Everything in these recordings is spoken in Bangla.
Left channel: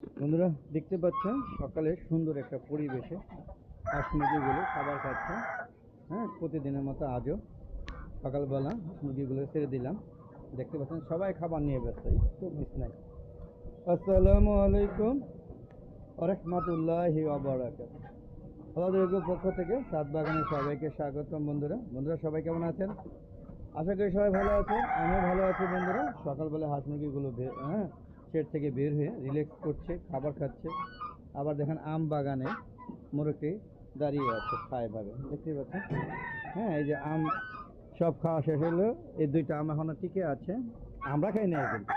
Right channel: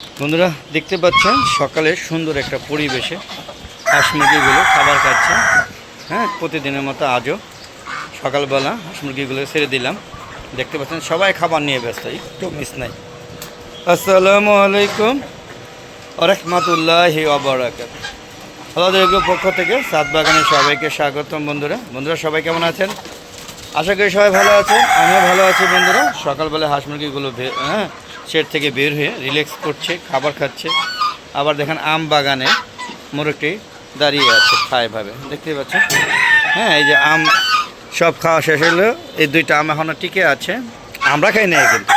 বন্ধুরা দেখতে পাচ্ছেন সকালে সুন্দর একটা পরিবেশে হাঁস মুরগিগুলো খাবার খাচ্ছে। হ্যাঁ, প্রতিদিনের মতো আজও সকালবেলা হাঁস মুরগিগুলো ছেড়ে দিলাম। দেখতে পাচ্ছেন সবাই খাবার নিয়ে ব্যস্ত, একটু মিস নাই। আসসালামু আলাইকুম রহমতুল্লাহি ওয়া বারাকাতুহু। আল্লাহর পক্ষ থেকে সাত বাগানের সবাইকে স্বাগতম। বন্ধুরা সবাই কেমন আছেন? আশা করি সবাই ভালো আছেন, আমিও ভালো আছি। বন্ধুরা সকালবেলা হাঁস মুরগিগুলো শেড থেকে বের হয়ে রিল্যাক্স করছে, খাবার খাচ্ছে। আবার দেখেন আম বাগানে মোরগটি দাঁড়িয়ে আছে এভাবে, দেখতে পাচ্ছেন। হ্যাঁ, এই যে আম সব খাওয়া শেষ হলো, এই দুইটা আম এখনও টিকে আছে। আমরা খাই নাই, কিন্তু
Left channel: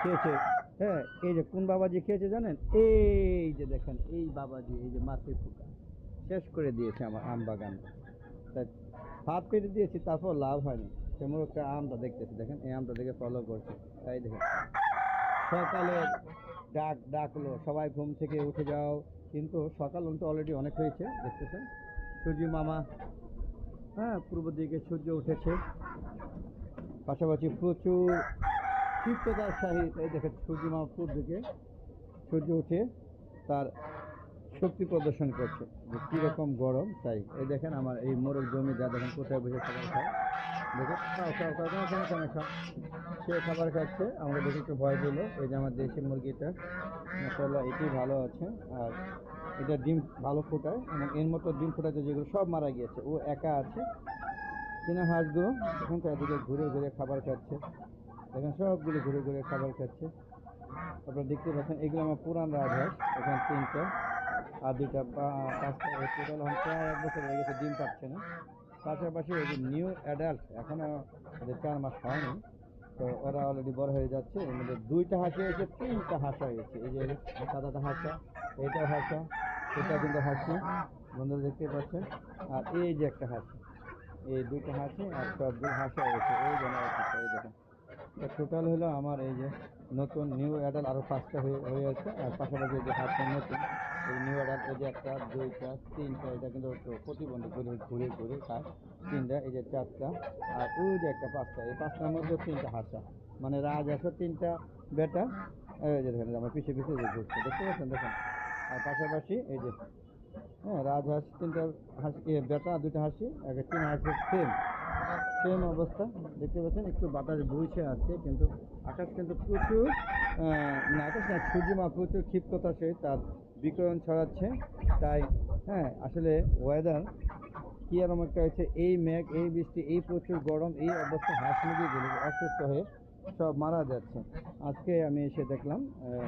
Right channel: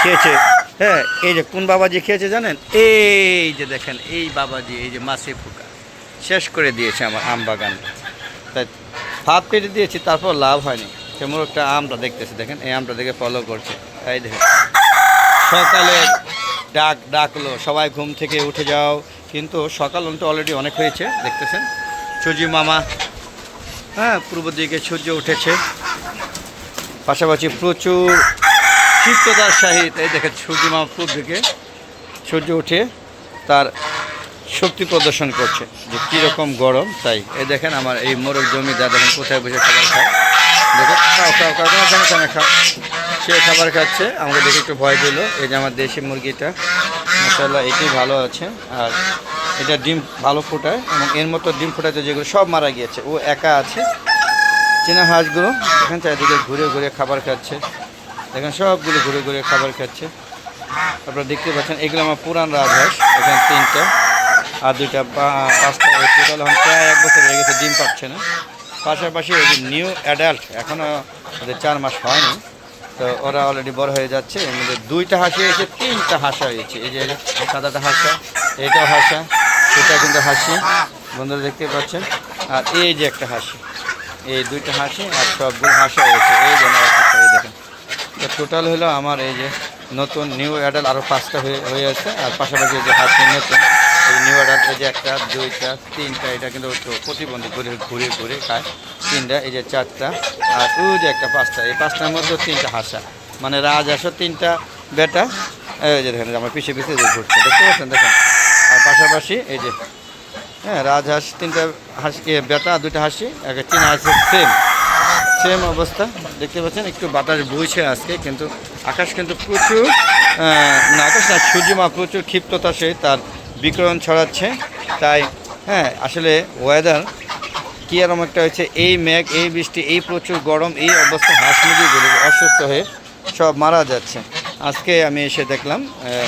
খেয়েছে। হ্যাঁ, এই যে কোন বাবাজি খেয়েছে জানেন? এই যে দেখেন, এই বাবাজি, এই যে মাছে ফুকা শেষ করে দিয়েছে আমার আম বাগান। তাই ভাত পেটে দিয়েছি, তারপর লাভ হয়নি। কেমন একটা আমটা দেখতেছে, দেখেন এই আমটা দেখে ফলো করছে। তাই দেখেন সকালে ডাকলো সবাই ঘুম থেকে উঠে যাও, কিন্তু সকাল অলরেডি অনেক হয়েছে। দেখতেছেন সূর্য মামা, হ্যাঁ, পূর্ব দিকে সূর্য উঠেছে, পাশাপাশি প্রচুর ক্ষিপ্ততার সহিত এই দেখেন সূর্য মামা পূর্ব দিকে সূর্য উঠে তার শক্তি প্রদর্শন করছে যে কীরকম গরম। তাই এই দেখেন আমার এই মোরগ জমিদার দেখেন কোথায় বসে খাবার খায়। দেখেন খাও, সে খাবার খাচ্ছে, আমাকে দেখে একটু ভয় পেলো। এই যে আমার দেশি মুরগিটা, মাশাআল্লাহ, এটি ভালো আছে। আর এটা ডিম ভালো ফোটায়, এবং এর মতো ডিম ফোটাতে যেগুলো সব মারা গিয়েছে, ও একা আছে। চীনা হাঁসগুলো দেখেন চারিদিকে ঘুরে ঘুরে খাবার খাচ্ছে, দেখেন সবগুলো ঘুরে ঘুরে খাবার খাচ্ছে। আপনারা দেখতে পাচ্ছেন এগুলো আমার পুরান রাজহাঁস, এখানে 3টা আর 2টা 5টা, টোটাল এখন প্রায় 1 বছর হয়ে গেছে, ডিম পাচ্ছে না। পাশাপাশি ওই যে নিউ অ্যাডাল্ট, এখনও ওদের 4 মাস হয়নি, তো ওরা অলরেডি বড় হয়ে যাচ্ছে। এর মধ্যে 2টা হাসি হয়েছে, 3টা হাসা হয়েছে। এই যে সাদাটা হাসা, এইটাও হাসা, এটা কিন্তু হাসি, বন্ধুরা দেখতে পাচ্ছেন। আর এই যে একটা হাসি, এই 2টা হাসি আর সবগুলো হাসা হয়েছে। এই যে এই দেখেন, তো টোটাল হলো আমার এই যে নতুন নিউ অ্যাডাল্ট আরও 5টা হয়ে আছে। আর পাশাপাশি এই যে হাসি নতুন এই নিউ অ্যাডাল্ট, এই যে 1টা 2টা 3টা, এটা কিন্তু প্রতিবন্ধী ঘুরে ঘুরে ঘুরে খায়। 3টা, এই যে 4টা, আর ওই যে একটা 5টা, এই 5টার মধ্যে 3টা হাসা, মানে রাজহাঁসও 3টা বেটা। এই যে দেখেন আমার পিছিয়ে পিছিয়ে যে ঘুরছে, দেখতে পাচ্ছেন, দেখেন। আর পাশাপাশি এই যে হ্যাঁ রাজহাঁস 3টা হাসি বেটা, 2টা হাসি, একটা চীনা হাসি, সেম অবস্থা দেখতে পাচ্ছেন। একটু বাতাস বইছে আজকে, কিন্তু আকাশ কিন্তু প্রচুর না, আকাশ না, সূর্যমা প্রচুর ক্ষিপ্ততা সে তার বিকিরণ ছড়াচ্ছে। তাই হ্যাঁ, আসলে ওয়েদার কী এরকম একটা হয়েছে, এই মেঘ, এই বৃষ্টি, এই প্রচুর গরম, এই অবস্থা হাঁস মুরগিগুলো অসুস্থ হয়ে সব মারা যাচ্ছে। আজকে আমি এসে দেখলাম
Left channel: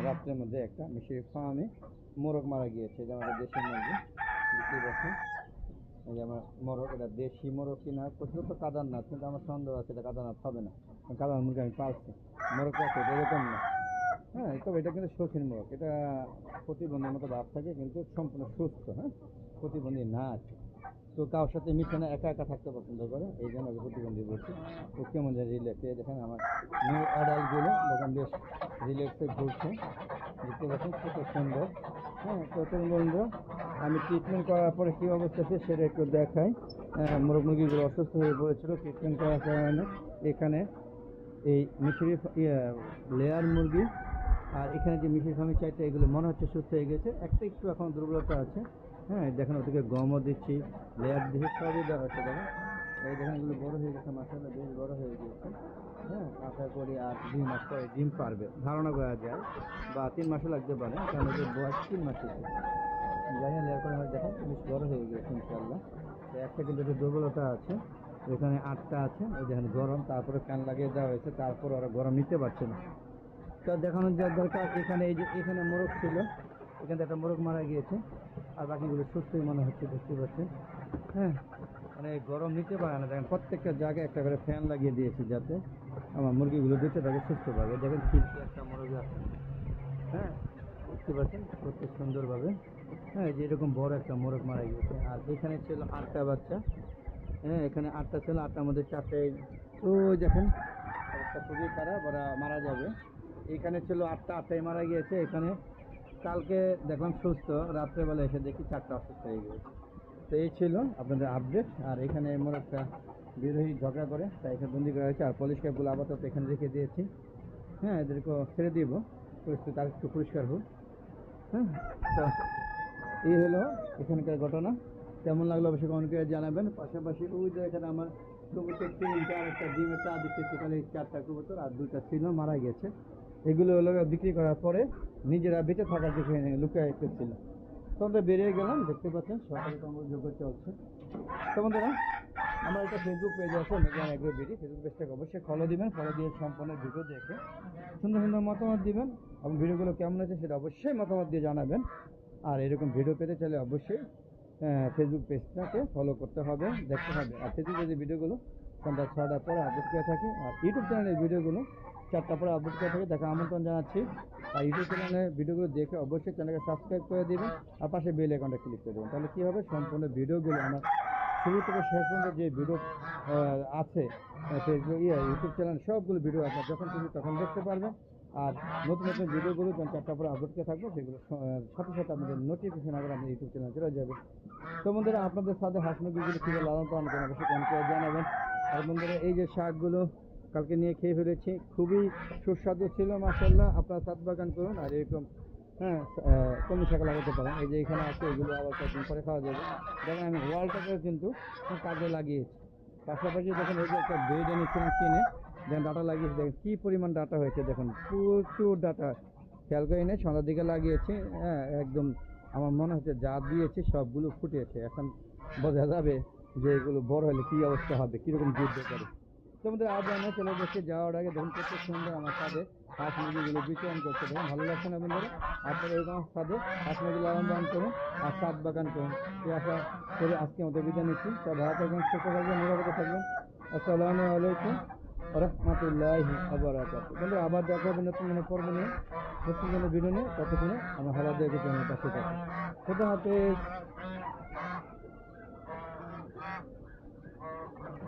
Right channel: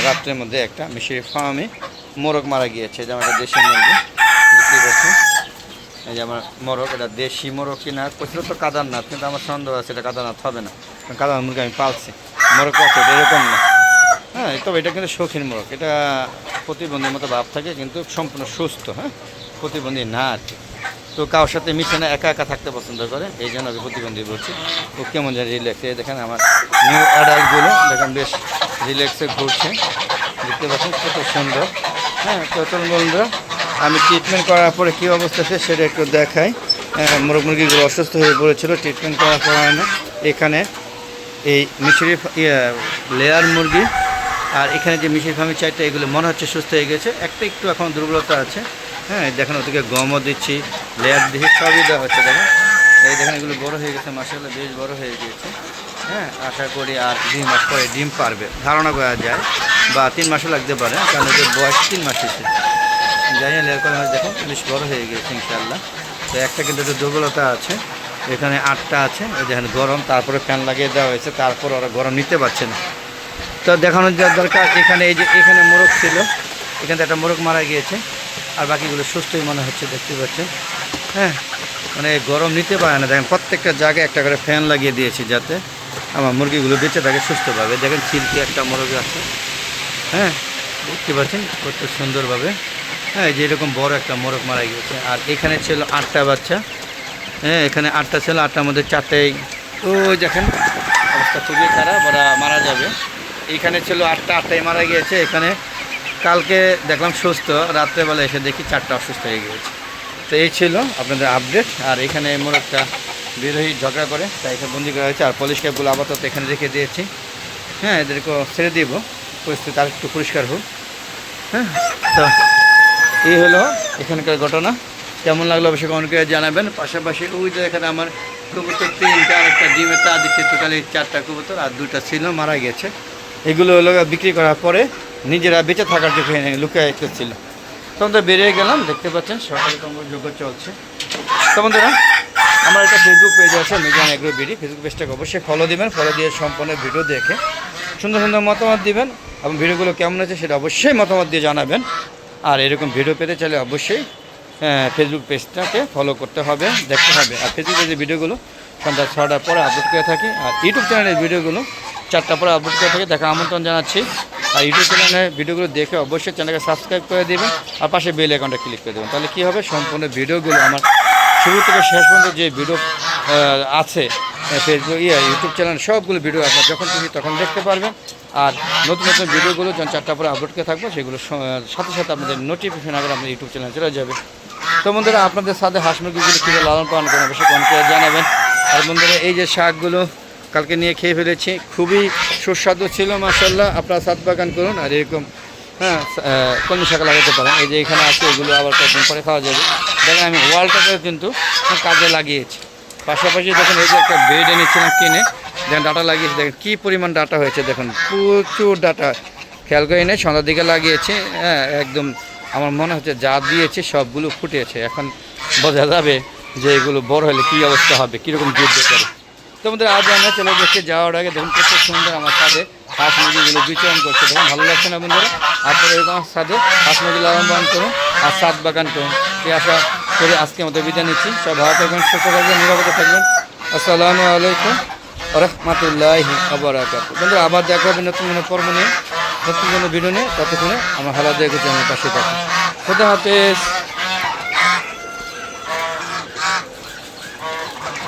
রাত্রের মধ্যে একটা মিশরি ফার্মে মোরগ মারা গিয়েছে, যেমন একটা দেশি মুরগি দেখতে পাচ্ছি। এই যে আমার মোরগ, এটা দেশি মোরগ কিনা করছিল তো কাদারনাথ, কিন্তু আমার সন্দেহ আছে এটা কাদারনাথ হবে না, কারণ কাদারনাথ মুরগি আমি পালছি। মোরগ পাচ্ছে এটা এরকম না, হ্যাঁ, তবে এটা কিন্তু শৌখিন মোরগ। এটা প্রতিবন্ধীর মতো ভাব থাকে, কিন্তু সম্পূর্ণ সুস্থ, হ্যাঁ, প্রতিবন্ধী না আর কি। তো কারোর সাথে মিশে না, একা একা থাকতে পছন্দ করে, এই জন্য আমি প্রতিবন্ধী বলছি। ও কেমন যেন রিল্যাক্স, এই দেখেন আমার নিউ অ্যাডাল্টগুলো দেখেন বেশ রিল্যাক্সে ঘুরছে, দেখতে পাচ্ছেন কত সুন্দর। হ্যাঁ, তো বন্ধুরা আমি ট্রিটমেন্ট করার পরে কী অবস্থা আছে সেটা একটু দেখাই। মোরগ মুরগিগুলো অসুস্থ হয়ে পড়েছিল, ট্রিটমেন্ট করার পর এখানে এই মিশরি লেয়ার মুরগি আর এখানে যে মিশরি ফার্মি 4টা, এগুলো মনে হচ্ছে সুস্থ হয়ে গেছে, একটা একটু এখন দুর্বলতা আছে। হ্যাঁ, দেখেন ওদিকে গমও দিচ্ছি, লেয়ার দিচ্ছি, সবই দেওয়া হচ্ছে। দেখেন এই দেখেন এগুলো বড় হয়ে গেছে, মাশাআল্লাহ বেশ বড় হয়ে গিয়েছে। হ্যাঁ, আশা করি আর 2 মাস পরে ডিম পারবে, ধারণা করা যায়, বা 3 মাসও লাগতে পারে, কারণ এদের বয়স 3 মাস হয়েছে। জানি না লেয়ার করে দেখেন বেশ বড় হয়ে গিয়েছে ইনশাআল্লাহ। তো একটা কিন্তু একটু দুর্বলতা আছে, এখানে 8টা আছে, এই দেখেন গরম, তারপরে ফ্যান লাগিয়ে দেওয়া হয়েছে, তারপর ওরা গরম নিতে পারছে না। তো দেখানোর যা দরকার, এখানে এই যে এখানে মোরগ ছিল, এখানে একটা মোরগ মারা গিয়েছে, আর বাকিগুলো সুস্থই মনে হচ্ছে, দেখতে পাচ্ছেন। হ্যাঁ, মানে গরম নিতে পারে না, দেখেন প্রত্যেকটা জায়গায় একটা করে ফ্যান লাগিয়ে দিয়েছি, যাতে আমার মুরগিগুলো বেঁচে থাকে সুস্থভাবে। দেখেন চিলকি একটা মোরগ আছে, হ্যাঁ, দেখতে পাচ্ছেন কত সুন্দরভাবে। হ্যাঁ, এই যে এরকম বড় একটা মোরগ মারা গিয়েছে। আর এখানে ছিল 8টা বাচ্চা, হ্যাঁ, এখানে 8টা ছিল, 8টার মধ্যে 4টাই ওই দেখেন অবস্থা খুবই খারাপ, ওরা মারা যাবে। এইখানে ছিল 8টাই মারা গিয়েছে। এখানে কালকে দেখলাম সুস্থ, রাত্রেবেলা এসে দেখি 4টা অসুস্থ হয়ে গিয়েছে। তো এই ছিল আপনাদের আপডেট। আর এখানে মোরগটা বিরোহী ঝগড়া করে, তাই এখানে বন্দি করা হয়েছে। আর পলিশ ক্যাপগুলো আপাতত এখানে রেখে দিয়েছি। হ্যাঁ, এদেরকেও ছেড়ে দিব, পরিস্থিতি আর একটু পরিষ্কার হোক। হ্যাঁ, তো এই হলো এখানকার ঘটনা। কেমন লাগলো অবশ্যই কমেন্ট করে জানাবেন। পাশাপাশি ওই যে এখানে আমার কবুতর 3টা, আর একটা ডিমে তা দিচ্ছে, টোটালি 4টা কবুতর, আর 2টা ছিল মারা গেছে। এগুলো হলো বিক্রি করার পরে নিজেরা বেঁচে থাকার জন্য লুকিয়ে রেখেছিল। তখন তো বেরিয়ে গেলাম, দেখতে পাচ্ছেন সকালে তোমার যোগ্য চলছে। তো বন্ধুরা, আমার একটা ফেসবুক পেজ আছে মিজান এগ্রো বিডি, ফেসবুক পেজটাকে অবশ্যই ফলো দিবেন। ফলো দিয়ে সম্পূর্ণ ভিডিও দেখে সুন্দর সুন্দর মতামত দিবেন, এবং ভিডিওগুলো কেমন হয়েছে সেটা অবশ্যই মতামত দিয়ে জানাবেন। আর এরকম ভিডিও পেতে চাইলে অবশ্যই ফেসবুক পেজটাকে ফলো করতে হবে, দেখতে হবে। আর ফেসবুক পেজের ভিডিওগুলো সন্ধ্যা 6টার পরে আপলোড করে থাকি, আর ইউটিউব চ্যানেলের ভিডিওগুলো 4টার পরে আপলোড করে থাকি। দেখা আমন্ত্রণ জানাচ্ছি। আর ইউটিউব চ্যানেলের ভিডিওগুলো দেখে অবশ্যই চ্যানেলকে সাবস্ক্রাইব করে দেবেন, আর পাশে বেল আইকনটা ক্লিক করে দেবেন। তাহলে কী হবে, সম্পূর্ণ ভিডিওগুলো আমার শুরু থেকে শেষ পর্যন্ত যে ভিডিও আছে ফেসবুক ইউটিউব চ্যানেল, সবগুলো ভিডিও আপনার যখন খুশি তখন দেখতে পারবেন। আর নতুন নতুন ভিডিওগুলো যখন 4টার পরে আপলোড করে থাকবো, সেগুলো সাথে সাথে আপনাদের নোটিফিকেশন আগে আপনার ইউটিউব চ্যানেলে চলে যাবে। তো বন্ধুরা, আপনাদের সাথে হাঁস মুরগিগুলো কীভাবে লালন পালন করেন অবশ্যই কমেন্ট করে জানাবেন। আর বন্ধুরা, এই যে শাকগুলো কালকে নিয়ে খেয়ে ফেলেছি, খুবই সুস্বাদু ছিল মাশাআল্লাহ। আপনারা ছাদ বাগান করুন, আর এরকম কলমি শাক লাগাতে পারেন। এই যে এখানে আছে, এগুলো আবার কয়েকদিন পরে খাওয়া যাবে। দেখেন আমি ওয়ালটাকে কিন্তু কাজে লাগিয়েছি। পাশাপাশি দেখুন, এই যে একটা বেড এনেছিলাম কিনে, দেখেন ডাটা লাগিয়েছি, দেখেন কী পরিমাণ ডাটা হয়েছে, দেখুন প্রচুর ডাটা। খেয়াল করে এনে সন্ধ্যার দিকে লাগিয়েছি, হ্যাঁ একদম আমার মনে হচ্ছে যা দিয়েছে সবগুলো ফুটেছে। এখন বোঝা যাবে যে এগুলো বড় হলে কী অবস্থা হবে, কীরকম যুদ্ধ করে। তো আমাদের আজ আমরা চলে যাচ্ছি, যাওয়ার আগে দেখুন কত সুন্দর আমার ছাদে হাঁস মুরগিগুলো বিচরণ করছে। দেখুন ভালো লাগছে না বন্ধুরা? আপনারা এরকম ছাদে হাঁস মুরগি লালন পালন করুন, আর ছাদ বাগান করুন। এই আশা করে আজকে মতো বিদায় নিচ্ছি। সব ভালো থাকবেন, সুস্থ থাকবেন, নিরাপদে থাকবেন। আসসালামু আলাইকুম রহমতুল্লাহি ওয়া বারাকাতুহু। বন্ধুরা, আবার দেখা হবে নতুন কোনো পর্ব নিয়ে, নতুন কোনো ভিডিও নিয়ে। ততক্ষণে আমার হালাত দেখেছি আমার পাশে থাকুন। খোদা হাফেজ।